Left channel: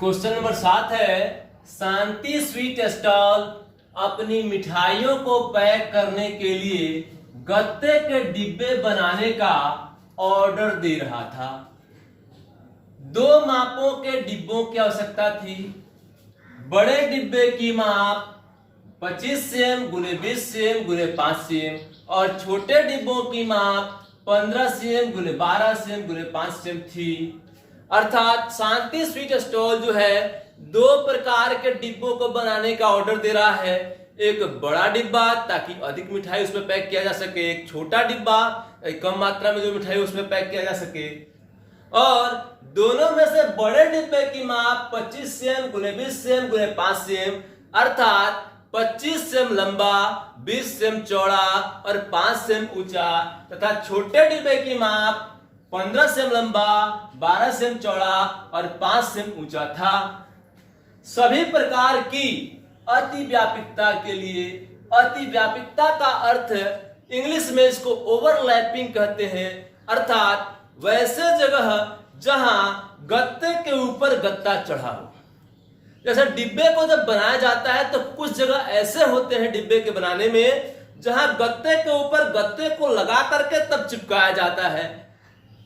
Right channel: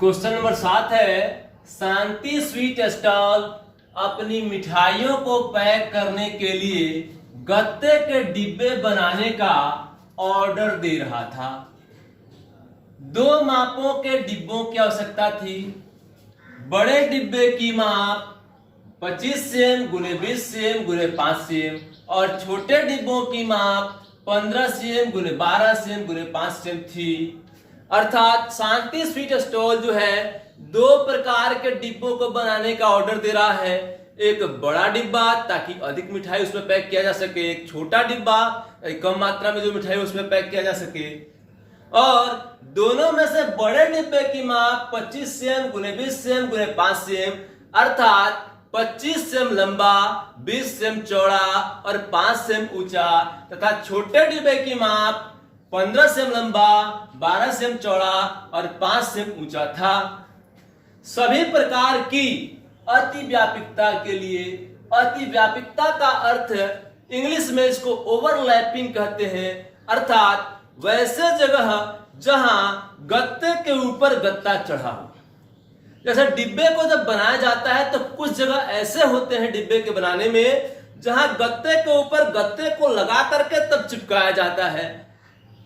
Question number 7 है, शांति sweet stall अपनी मिठाइयों को पैक करने के लिए गत्ते के डिब्बे बनाने का ऑर्डर दे रहा था। 2 मापों के डिब्बों की आवश्यकता थी। बड़े डिब्बे की माप 25 cm × 20 cm × 5 cm और छोटे डिब्बों की माप 15 cm × 12 cm × 5 cm थी। अर्थात शांति स्वीट स्टॉल जो है 2 प्रकार के डिब्बों को बनाने का ऑर्डर दे रहा है। एक बड़ा डिब्बा ताकि अधिक मिठाई उसमें पैक किया जा सके, एक छोटा डिब्बा कम मात्रा में जो मिठाई उसमें पैक किया जा सके। और दोनों में से बड़े डिब्बे की माप 25 cm × 20 cm × 5 cm अर्थात 25 cm लंबा, 20 cm चौड़ा और 5 cm ऊंचा तथा छोटे डिब्बे की माप 15 cm लंबा, 12 cm चौड़ा और 5 cm ऊंचा था। सभी प्रकार की अतिव्यापकता के लिए, अतिव्यापकता का अर्थ इंग्लिश में इसको ओवरलैपिंग कहते हैं, अर्थात वैसे जगह जहां गत्ते के ऊपर गत्ता चढ़ा हो। जैसे डिब्बे को जब बनाया जाता है तो कुछ जगह ऐसे होते हैं डिब्बे के बनाने में जहां गत्ते के ऊपर गत्ते को लगा करके तब चिपकाया जाता है।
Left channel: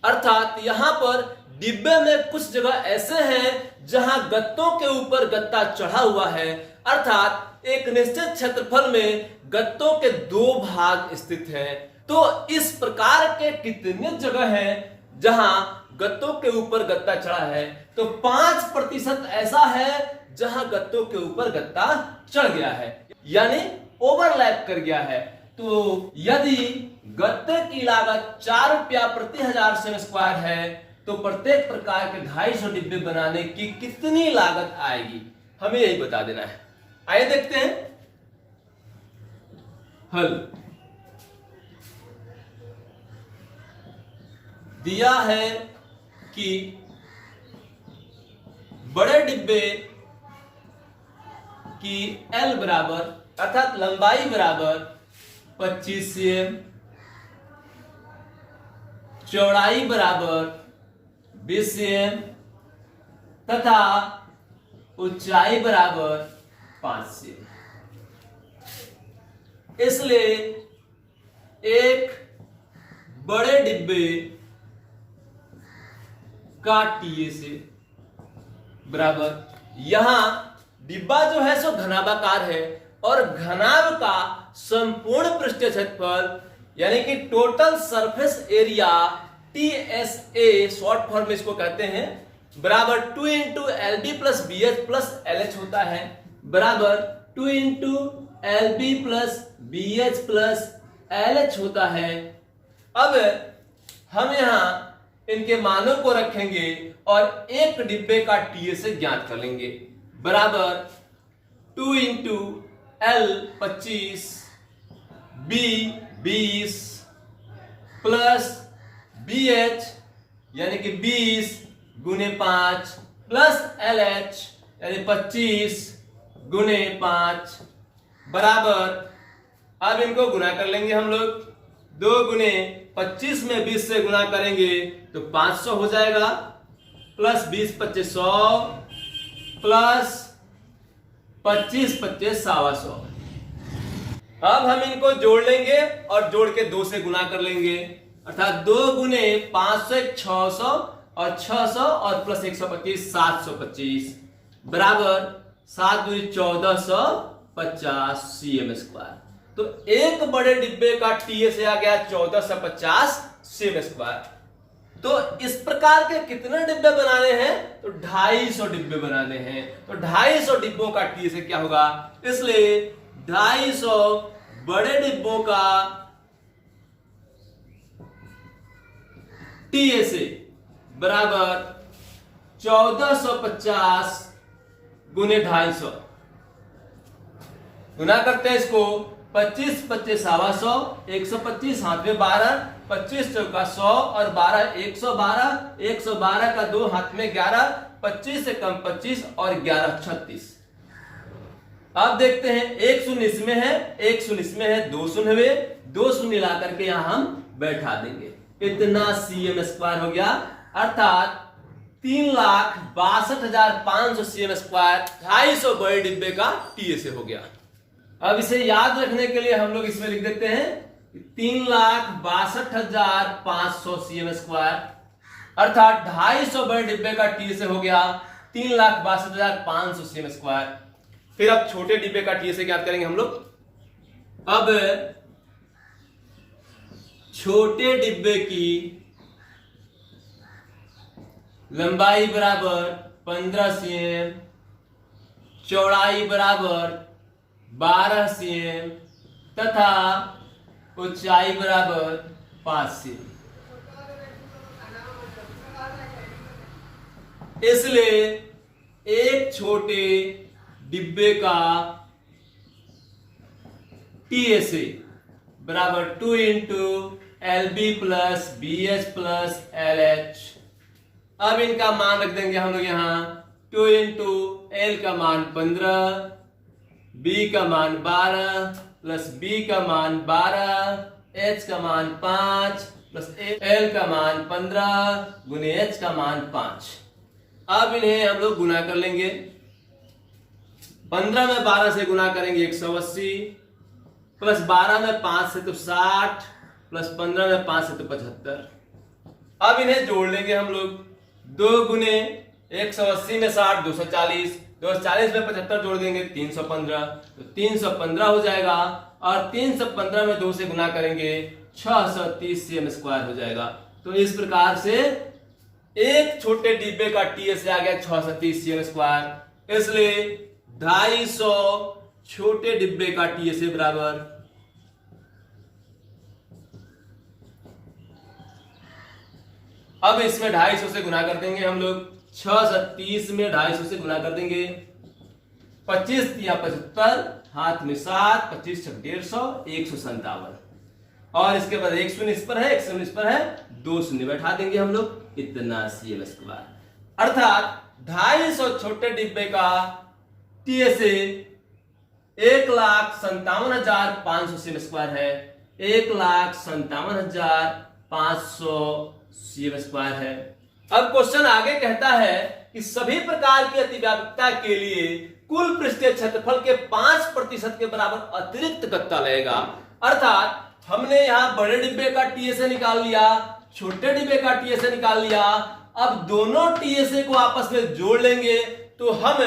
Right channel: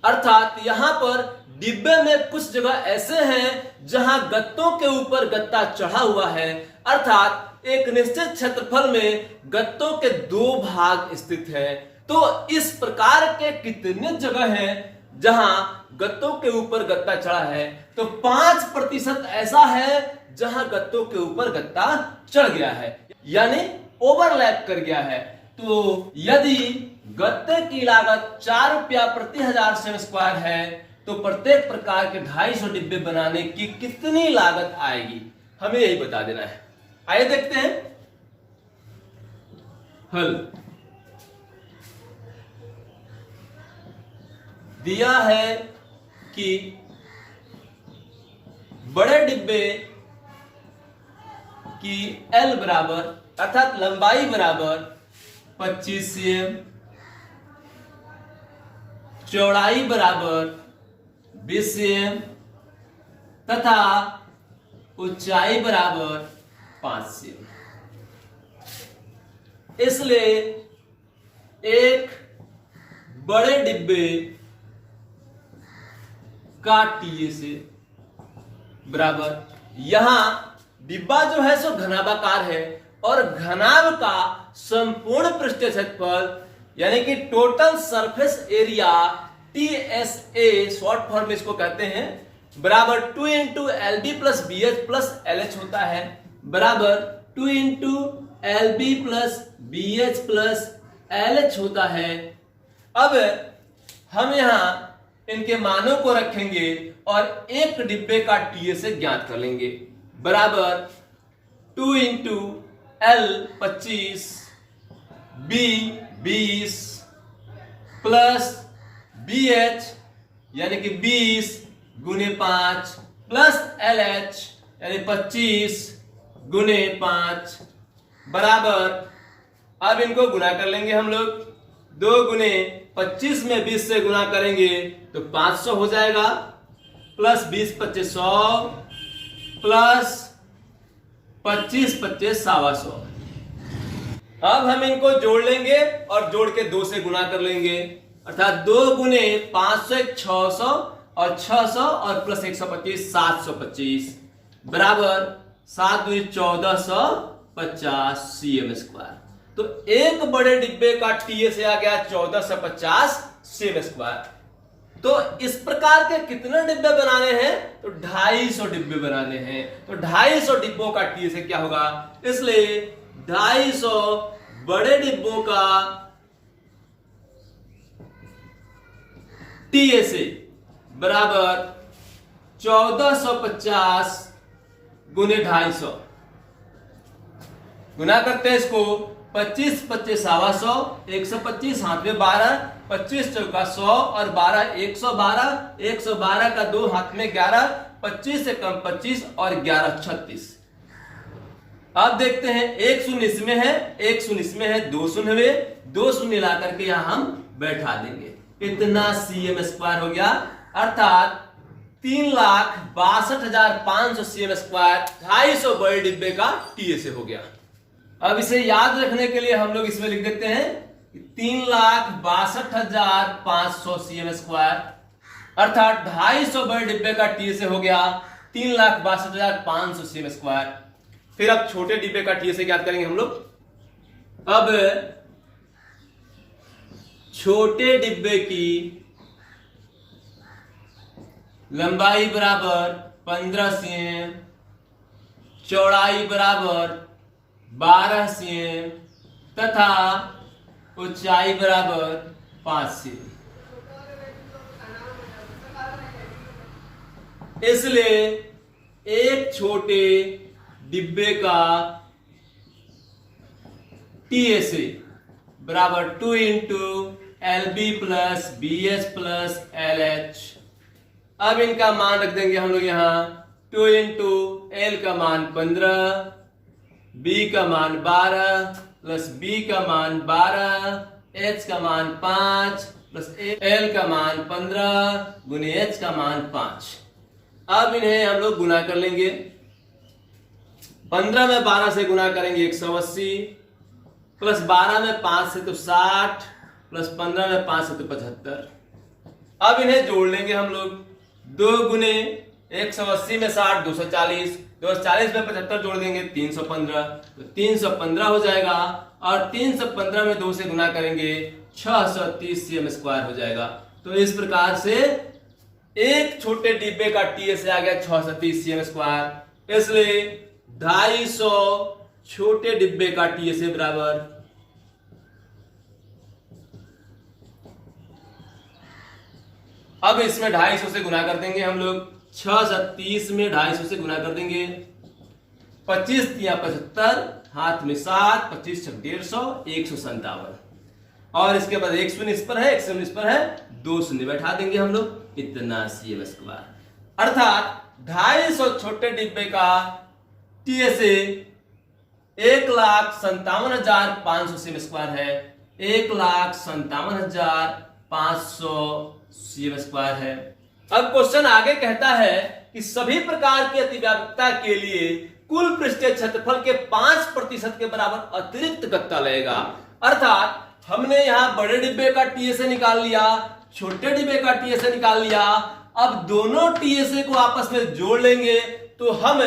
अर्थात यहां पर डिब्बे में कुछ जगह ऐसे हैं जहां गत्तों के ऊपर गत्ता चढ़ा हुआ है, अर्थात एक निश्चित क्षेत्रफल में गत्तों के 2 भाग स्थित हैं। तो इस प्रकार के कितने जगह हैं जहां गत्तों के ऊपर गत्ता चढ़ा है? तो 5% ऐसा है जहां गत्तों के ऊपर गत्ता चढ़ गया है, यानी ओवरलैप कर गया है। तो यदि गत्ते की लागत 4 रुपया प्रति 1000 सेम स्क्वायर है तो प्रत्येक प्रकार के 250 डिब्बे बनाने की कितनी लागत आएगी, हमें यही बता देना है। आइए देखते हैं हल। दिया है कि बड़े डिब्बे की L बराबर अर्थात लंबाई बराबर 25 cm, चौड़ाई बराबर 20 cm तथा ऊंचाई बराबर 5 cm। इसलिए एक बड़े डिब्बे का टीएसए बराबर, यहां डिब्बा जो है सो घनाभाकार है और घनाभ का संपूर्ण पृष्ठीय क्षेत्रफल यानी कि total surface area TSA short form में इसको कहते हैं बराबर 2 × LD + BH + LH होता है, बराबर 2 × LB + BH + LH होता है। अब हम यहां इनके मानों को रखेंगे और एक डिब्बे का टीएसए ज्ञात कर लेंगे, बराबर 2 × L 25, B 20 प्लस BH यानी कि 20 × 5 प्लस LH यानी 25 × 5 बराबर, अब इनको गुना कर लेंगे हम लोग। 2 × 25 में 20 से गुना करेंगे तो 500 हो जाएगा, प्लस 20 25 100 प्लस 25 25 125। अब हम इनको जोड़ लेंगे और जोड़ के 2 से गुना कर लेंगे, अर्थात 2 × 500 600 और 600 और प्लस 125 725 बराबर 7 × 1450 cm स्क्वायर। तो एक बड़े डिब्बे का टीएसए आ गया 1450 cm स्क्वायर। तो इस प्रकार के कितने डिब्बे बनाने हैं? तो 250 डिब्बे बनाने हैं। तो 250 डिब्बों का टीएसए क्या होगा? इसलिए 250 बड़े डिब्बों का टीएसए बराबर 1450 × 250। गुना करते हैं इसको, 25 25 125, 125 हाथ में 12, 25 चौका 100 और 12 112, 112 का 2 हाथ में 11, 25 से कम 25 और 11 36। अब देखते हैं, एक शून्य इसमें है, एक शून्य इसमें है, 2 शून्य में 2 शून्य ला करके यहां हम बैठा देंगे। इतना cm स्क्वायर हो गया, अर्थात 3,62,500 cm स्क्वायर 250 बड़े डिब्बे का टीएसए हो गया। अब इसे याद रखने के लिए हम लोग इसमें लिख देते हैं 3,62,500 cm स्क्वायर, अर्थात 250 बड़े डिब्बे का टीएसए हो गया 3,62,500 cm स्क्वायर। फिर अब छोटे डिब्बे का टीएसए याद करेंगे हम लोग। अब छोटे डिब्बे की लंबाई बराबर 15 cm, चौड़ाई बराबर 12 cm तथा ऊंचाई बराबर 5 cm। इसलिए एक छोटे डिब्बे का टीएसए बराबर 2 into LB plus BS plus LH। अब इनका मान रख देंगे हम लोग यहां 2 इंटू L का मान 15, B का मान 12 प्लस B का मान 12, H का मान 5 प्लस L का मान 15 गुने H का मान 5। अब इन्हें हम लोग गुना कर लेंगे। 15 में 12 से गुना करेंगे 180 प्लस 12 में 5 से तो 60 प्लस 15 में 5 से तो 75। अब इन्हें जोड़ लेंगे हम लोग। 2 गुने 180 में 60 240, 240 में 75 जोड़ देंगे 315, तो 315 हो जाएगा और 315 में 2 से गुना करेंगे 630 cm स्क्वायर हो जाएगा। तो इस प्रकार से एक छोटे डिब्बे का टीएसए आ गया 630 cm स्क्वायर। इसलिए 250 छोटे डिब्बे का टीएसए बराबर अब इसमें 250 से गुना कर देंगे हम लोग। 630 में 250 से गुना कर देंगे। 25 या 75, हाथ में 7, 25 छक 150, 157। और इसके बाद 1 शून्य इस पर है, 1 शून्य इस पर है, 2 शून्य बैठा देंगे हम लोग, इतना cm स्क्वायर। अर्थात 250 छोटे डिब्बे का टीएसए 1,57,500 cm स्क्वायर है। 1,57,500 cm स्क्वायर है। अब क्वेश्चन आगे कहता है कि सभी प्रकार की अतिव्यापकता के लिए कुल पृष्ठीय क्षेत्रफल के 5% के बराबर अतिरिक्त गत्ता लगेगा। अर्थात हमने यहां बड़े डिब्बे का टीएसए निकाल लिया, छोटे डिब्बे का टीएसए निकाल लिया। अब दोनों टीएसए को आपस में जोड़ लेंगे तो हम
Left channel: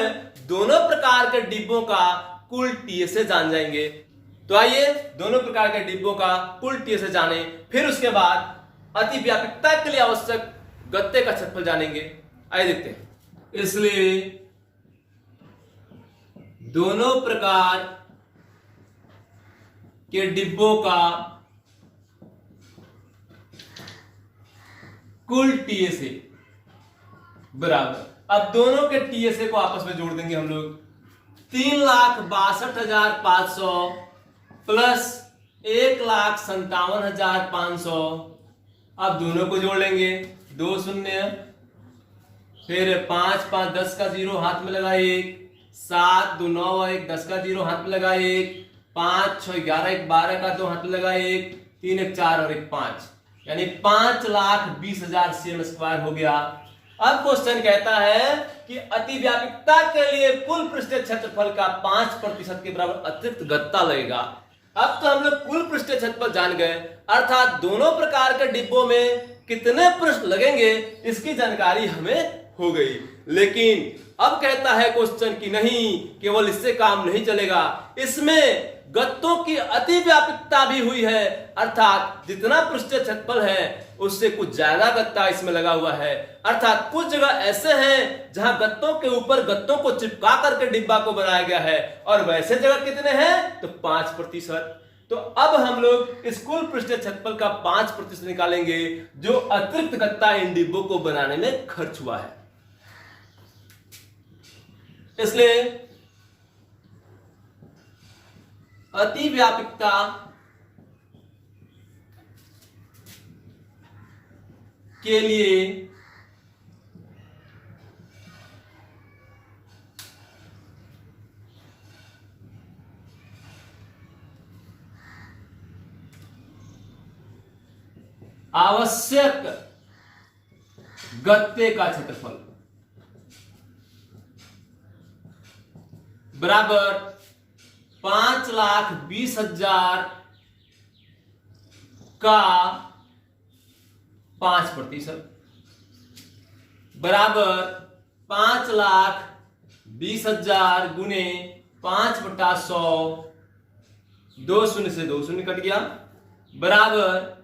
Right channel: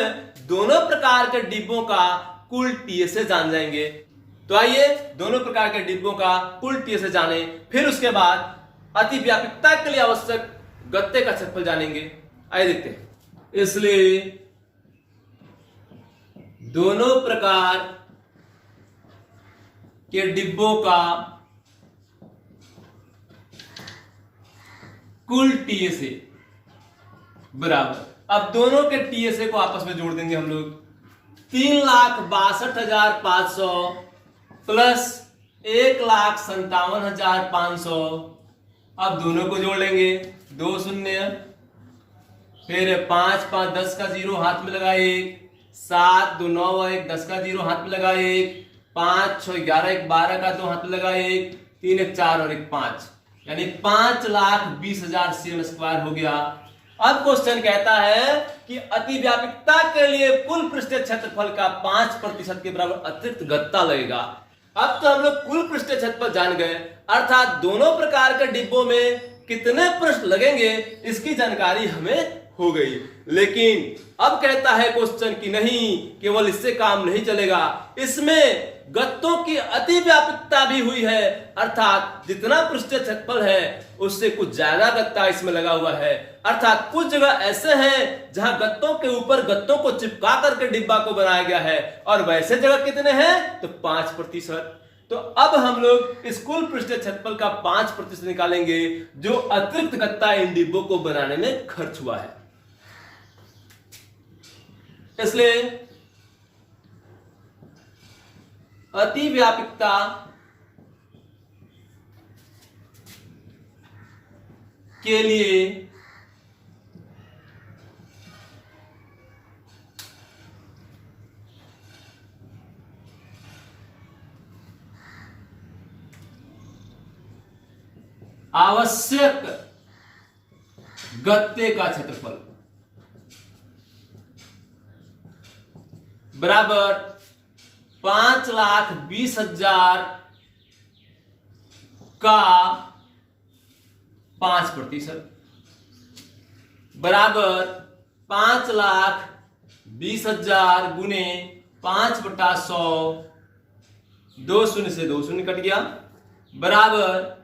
दोनों प्रकार के डिब्बों का कुल टीएसए जान जाएंगे। तो आइए दोनों प्रकार के डिब्बों का कुल टीएसए जाने, फिर उसके बाद अतिव्यापकता के लिए आवश्यक गत्ते का क्षेत्रफल जानेंगे। आइए देखते हैं। इसलिए दोनों प्रकार के डिब्बों का कुल टीएसए बराबर, अब दोनों के टीएसए को आपस में जोड़ देंगे हम लोग। 3,62,500 प्लस 1,57,500। अब दोनों को जोड़ लेंगे, 2 शून्य, फिर 5 5 10 का 0 हाथ में लगा 1, 7 2 9 1 10 का 0 हाथ में लगा 1, 5 6 11 1 12 का 2 हाथ में लगा 1, 3 1 4 और 1 5, यानी 5,20,000 cm स्क्वायर हो गया। अब क्वेश्चन कहता है कि अतिव्यापकता के लिए कुल पृष्ठीय क्षेत्रफल का 5% के बराबर अतिरिक्त गत्ता लगेगा। अब तो हम लोग कुल पृष्ठीय क्षेत्रफल जान गए, अर्थात दोनों प्रकार के डिब्बों में कितने पृष्ठ लगेंगे इसकी जानकारी हमें हो गई। लेकिन अब कहता है क्वेश्चन कि नहीं, केवल इससे काम नहीं चलेगा, इसमें गत्तों की अतिव्यापकता भी हुई है। अर्थात जितना पृष्ठीय क्षेत्रफल है उससे कुछ ज्यादा गत्ता इसमें लगा हुआ है। अर्थात कुछ जगह ऐसे हैं जहां गत्तों के ऊपर गत्तों को चिपका करके डिब्बा को बनाया गया है, और वैसे जगह कितने हैं तो 5%। तो अब हम लोग इस कुल पृष्ठीय क्षेत्रफल का 5% निकालेंगे जो अतिरिक्त गत्ता इन डिब्बों को बनाने में खर्च हुआ है। इसलिए अतिव्यापकता के लिए आवश्यक गत्ते का क्षेत्रफल बराबर 5,20,000 का 5% बराबर 5,20,000 गुने 5/100, 2 शून्य से 2 शून्य कट गया, बराबर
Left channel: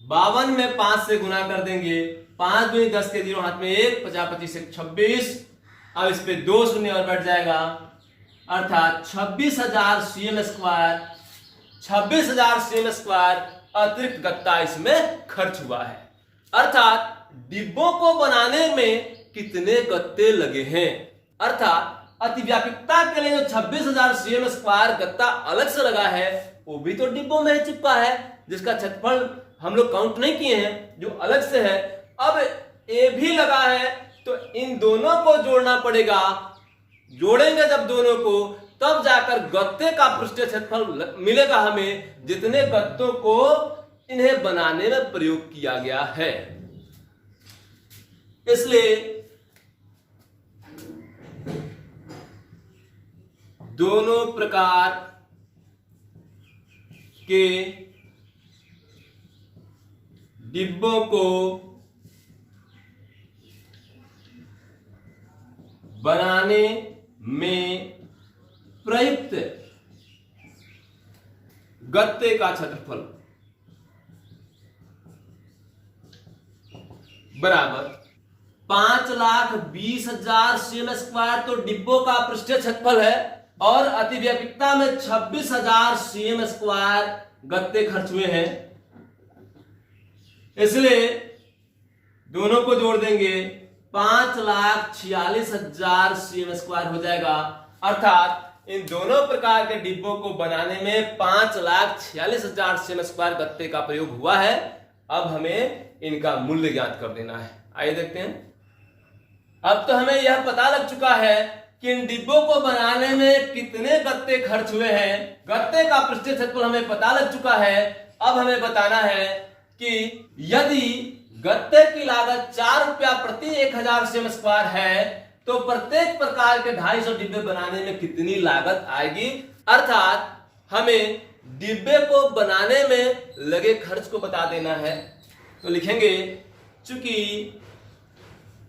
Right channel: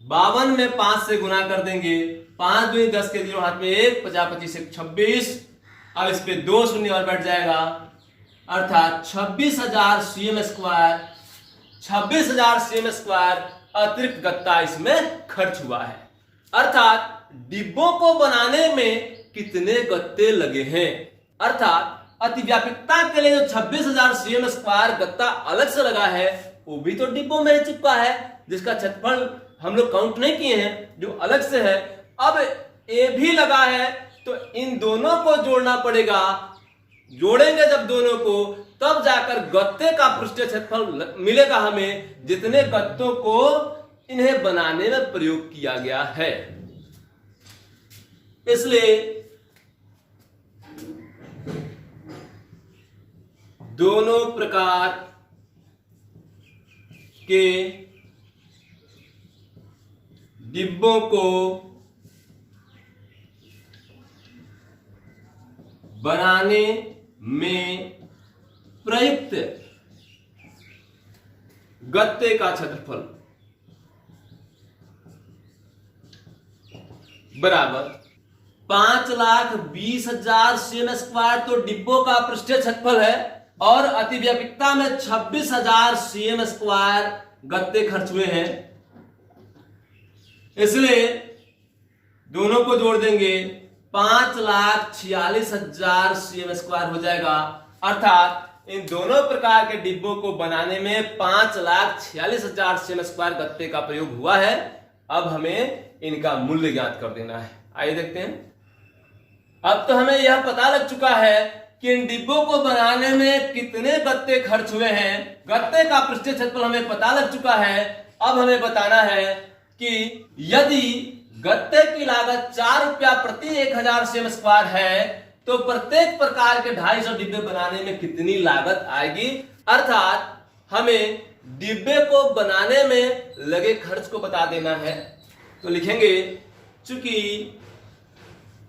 52 में 5 से गुना कर देंगे, 5 दूनी 10 के 0 हाथ में 1, 50 25 1 26। अब इस पे 2 शून्य और बैठ जाएगा, अर्थात 26,000 cm स्क्वायर, 26,000 cm स्क्वायर अतिरिक्त गत्ता इसमें खर्च हुआ है। अर्थात डिब्बों को बनाने में कितने गत्ते लगे हैं, अर्थात अतिव्यापकता के लिए जो 26,000 cm स्क्वायर गत्ता अलग से लगा है वो भी तो डिब्बों में चिपका है, जिसका क्षेत्रफल हम लोग काउंट नहीं किए हैं, जो अलग से है। अब ये भी लगा है तो इन दोनों को जोड़ना पड़ेगा, जोड़ेंगे जब दोनों को तब जाकर गत्ते का पृष्ठीय क्षेत्रफल मिलेगा हमें, जितने गत्तों को इन्हें बनाने में प्रयोग किया गया है। इसलिए दोनों प्रकार के डिब्बों को बनाने में प्रयुक्त गत्ते का क्षेत्रफल बराबर 5,20,000 cm स्क्वायर तो डिब्बों का पृष्ठीय क्षेत्रफल है, और अतिव्यापकता में 26,000 cm स्क्वायर गत्ते खर्च हुए हैं। इसलिए दोनों को जोड़ देंगे, 5,46,000 cm स्क्वायर हो जाएगा। अर्थात इन दोनों प्रकार के डिब्बों को बनाने में 5,46,000 cm स्क्वायर गत्ते का प्रयोग हुआ है। अब हमें इनका मूल्य ज्ञात कर देना है। आइए देखते हैं। अब तो हमें यह पता लग चुका है कि इन डिब्बों को बनाने में कितने गत्ते खर्च हुए हैं, गत्ते का पृष्ठीय क्षेत्रफल हमें पता लग चुका है। अब हमें बताना है कि यदि गत्ते की लागत 4 रुपया प्रति 1,000 cm स्क्वायर है तो प्रत्येक प्रकार के 250 डिब्बे बनाने में कितनी लागत आएगी। अर्थात हमें डिब्बे को बनाने में लगे खर्च को बता देना है। तो लिखेंगे, चूंकि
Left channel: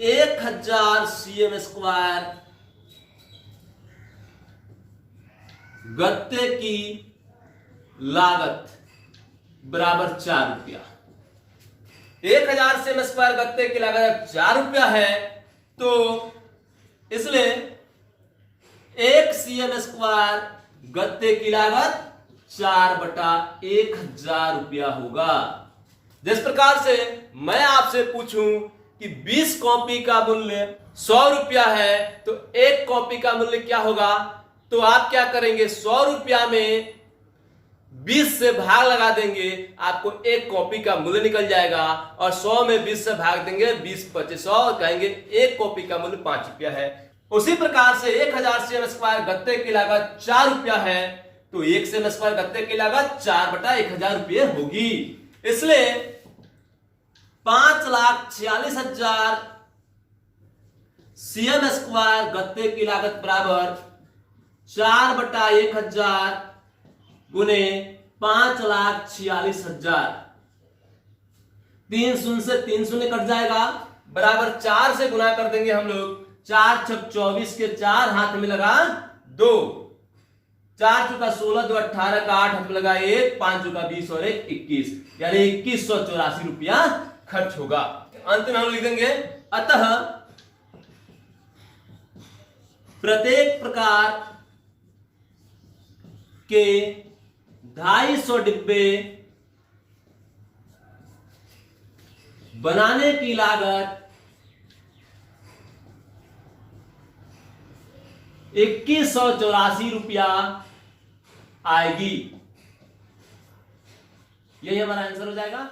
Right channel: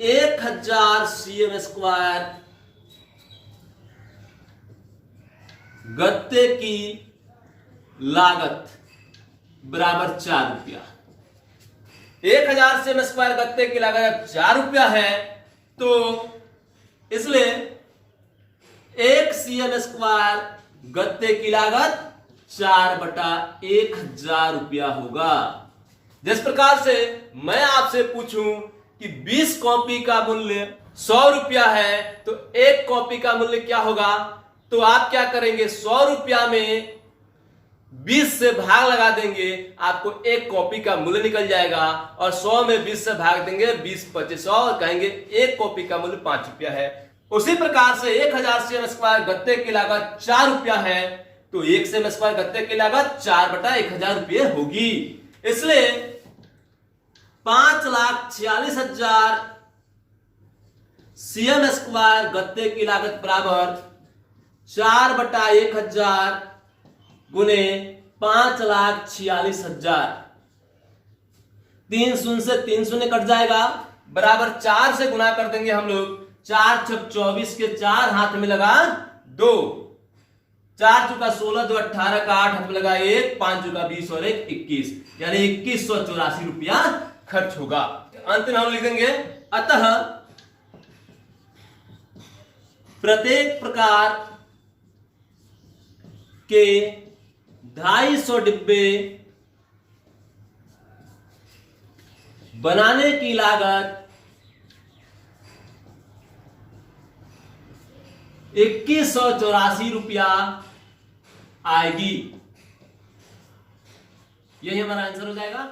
1,000 cm स्क्वायर गत्ते की लागत बराबर 4 रुपया, 1,000 cm स्क्वायर गत्ते की लागत 4 रुपया है, तो इसलिए 1 cm स्क्वायर गत्ते की लागत 4/1,000 रुपया होगा। जिस प्रकार से मैं आपसे पूछूं कि 20 कॉपी का मूल्य 100 रुपया है तो एक कॉपी का मूल्य क्या होगा, तो आप क्या करेंगे, 100 रुपया में 20 से भाग लगा देंगे, आपको एक कॉपी का मूल्य निकल जाएगा। और 100 में 20 से भाग देंगे, 20 25 100, कहेंगे एक कॉपी का मूल्य 5 रुपया है। उसी प्रकार से 1,000 cm स्क्वायर गत्ते की लागत 4 रुपया है, तो 1 cm स्क्वायर गत्ते की लागत 4/1,000 रुपये होगी। इसलिए 5,46,000 cm स्क्वायर गत्ते की लागत बराबर 4/1,000 गुने 5,46,000, 3 शून्य से 3 शून्य कट जाएगा, बराबर 4 से गुना कर देंगे हम लोग। 4 छक 24 के 4 हाथ में लगा 2, 4 चुका 16, 2 18 का 8 हाथ में लगा 1, 5 चुका 20 और 1 21, यानी 2,184 रुपया खर्च होगा। अंत में हम लिख देंगे, अतः प्रत्येक प्रकार के 250 डिब्बे बनाने की लागत 2,184 रुपया आएगी। यही हमारा आंसर हो जाएगा।